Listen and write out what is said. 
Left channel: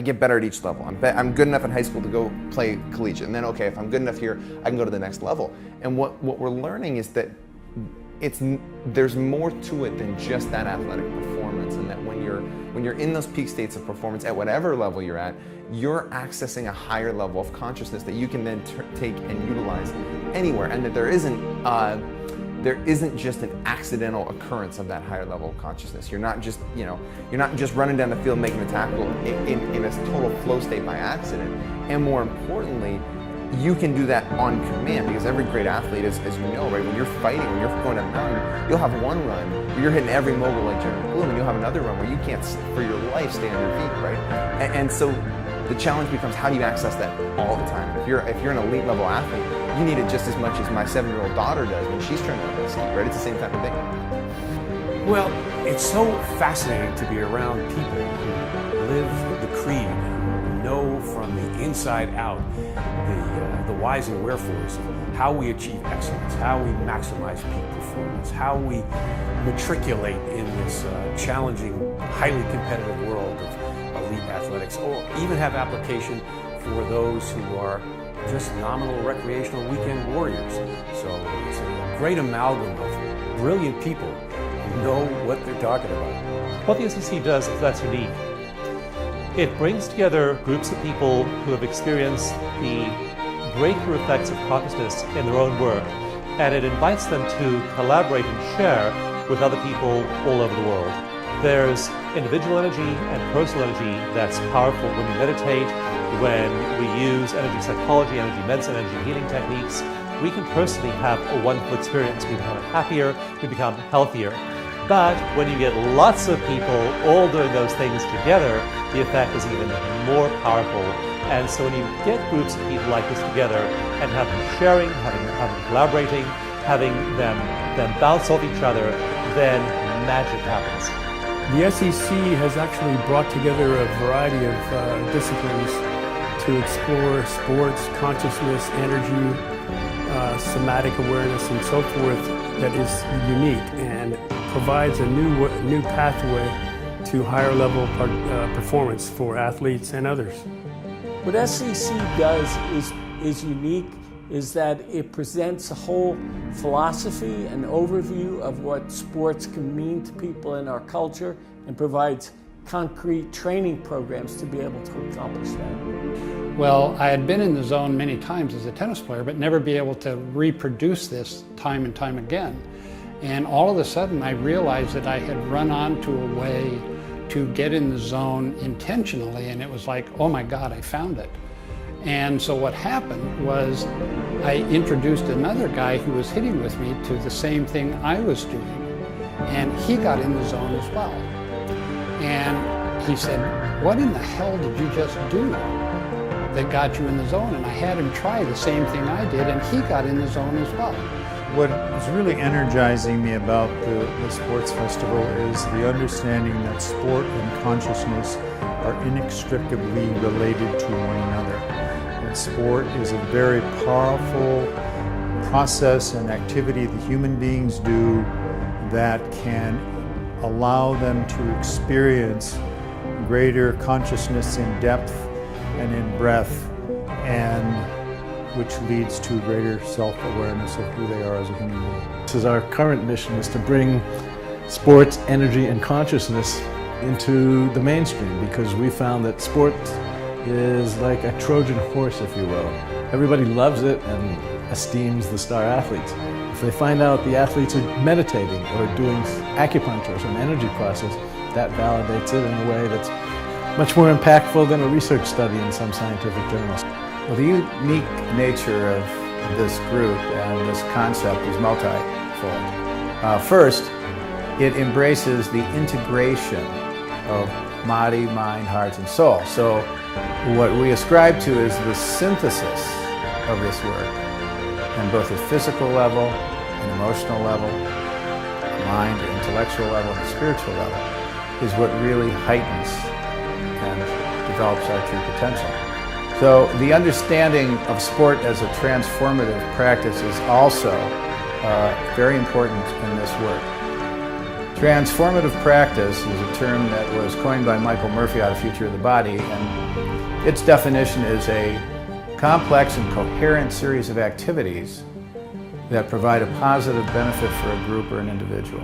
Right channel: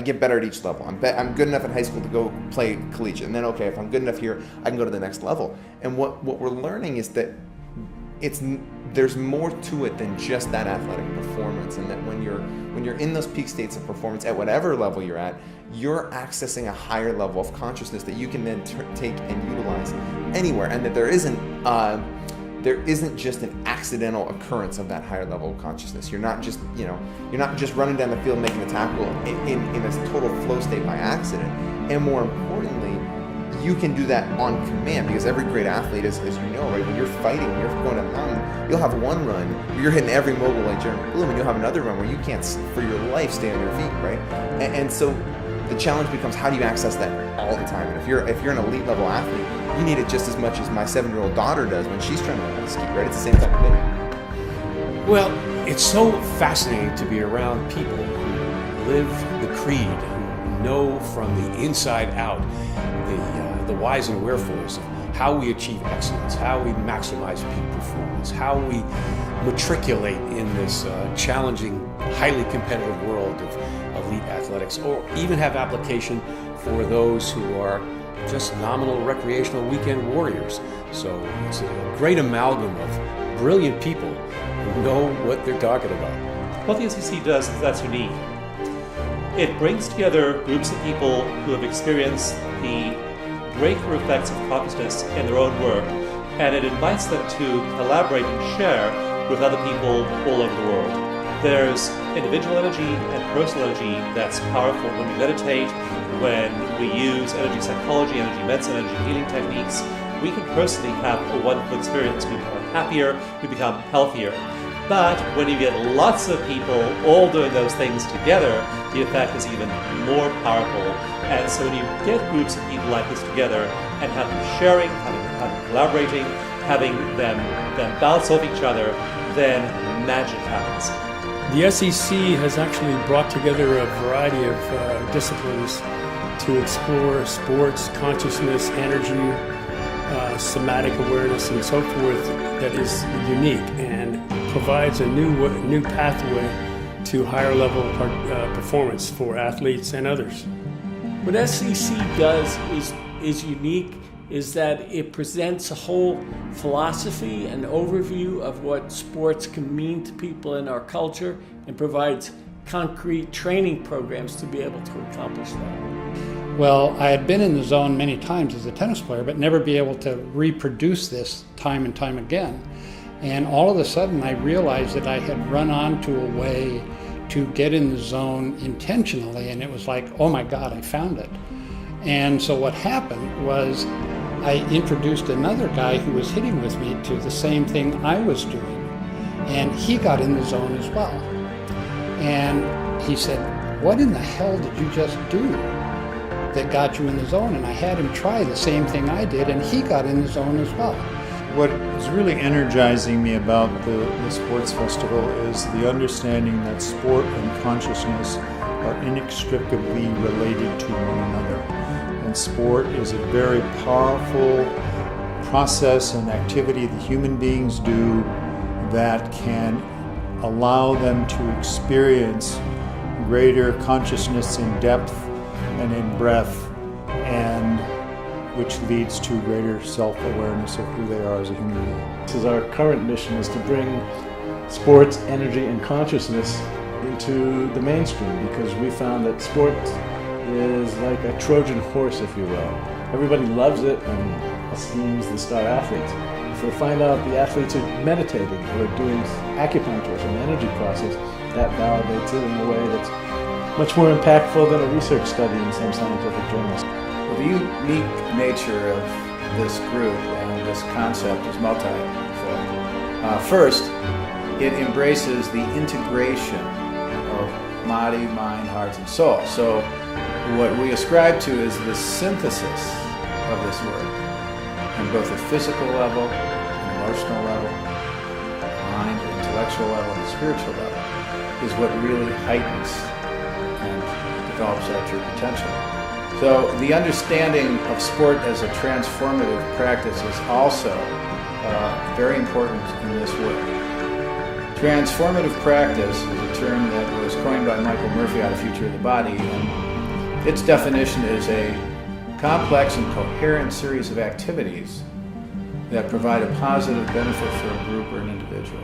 I get better at each level. I'm good enough at high school to go play collegiate, and then okay, if I'm good enough here, I can go to the next level. And what we're learning is that there's more to it than just that athletic performance, and that when you're in those peak states of performance at whatever level you're at, you're accessing a higher level of consciousness that you can then take and utilize anywhere, and that there isn't just an accidental occurrence of that higher level of consciousness. You're not just running down the field making a tackle in a total flow state by accident. And more importantly, you can do that on command, because every great athlete, as you know, right, when you're fighting, when you're going up mountain, you'll have one run where you're hitting every mogul like Jeremy Bloom, and you'll have another run where you can't, for your life, stay on your feet, right? And so the challenge becomes, how do you access that all the time? And if you're an elite level athlete, you need it just as much as my 7-year-old daughter does when she's trying to learn how to ski, right? It's the same type of thing. Well, it's so fascinating to be around people who live the creed, know from the inside out the whys and wherefores of how we achieve excellence, how we maximize peak performance, how we matriculate in this challenging, highly competitive world of elite athletics, or even have application for those who are just nominal recreational weekend warriors. So it's a great amalgam of brilliant people who know what they're talking about. What the SEC does is that's unique. It brings together groups of people who have experienced the breakthrough effects of consciousness in their own work, and it invites them to collaborate and share with other people all over the world. There's individual energy and personal energy that's powerful when we meditate, when we use energy psychology, energy medicine, energy healing techniques. We can personally have a wonderful experience. We become happier, we become healthier. But when you get lots of people all doing those things together, the effect is even more powerful. And so when you get groups of people like this together and have them sharing, have them collaborating, having them bounce off each other, then magic happens. The SEC has actually brought together a variety of disciplines to explore sports, consciousness, energy, somatic awareness, and so forth that is unique and provides a new pathway to higher level performance for athletes and others. What SEC does is unique, is that it presents a whole philosophy and overview of what sports can mean to people in our culture, and provides concrete training programs to be able to accomplish that. Well, I had been in the zone many times as a tennis player, but never be able to reproduce this time and time again. And all of a sudden I realized that I had run onto a way to get in the zone intentionally, and it was like, oh my God, I found it. And so what happened was I introduced another guy who was hitting with me to the same thing I was doing, and he got in the zone as well. And he said, what in the hell did you just do that got you in the zone? And I had him try the same thing I did, and he got in the zone as well. What is really energizing me about the Sports Festival is the understanding that sport and consciousness are inextricably related to one another. And sport is a very powerful process and activity that human beings do that can allow them to experience greater consciousness in depth and in breadth, and which leads to greater self-awareness of who they are as a human being. This is our current mission, is to bring sports, energy, and consciousness into the mainstream, because we found that sport is like a Trojan horse, if you will. Everybody loves it and esteems the star athletes. If they find out the athletes are meditating or doing acupuncture, some energy process, that validates it in a way that's much more impactful than a research study in some scientific journals. Well, the unique nature of this group and this concept is multifold. First, it embraces the integration of body, mind, heart, and soul. So what we ascribe to is the synthesis of this work on both a physical level, an emotional level, mind, intellectual level, and spiritual level is what really heightens and develops our true potential. So the understanding of sport as a transformative practice is also very important in this work. Transformative practice is a term that was coined by Michael Murphy out of Future of the Body, and Its definition is a complex and coherent series of activities that provide a positive benefit for a group or an individual.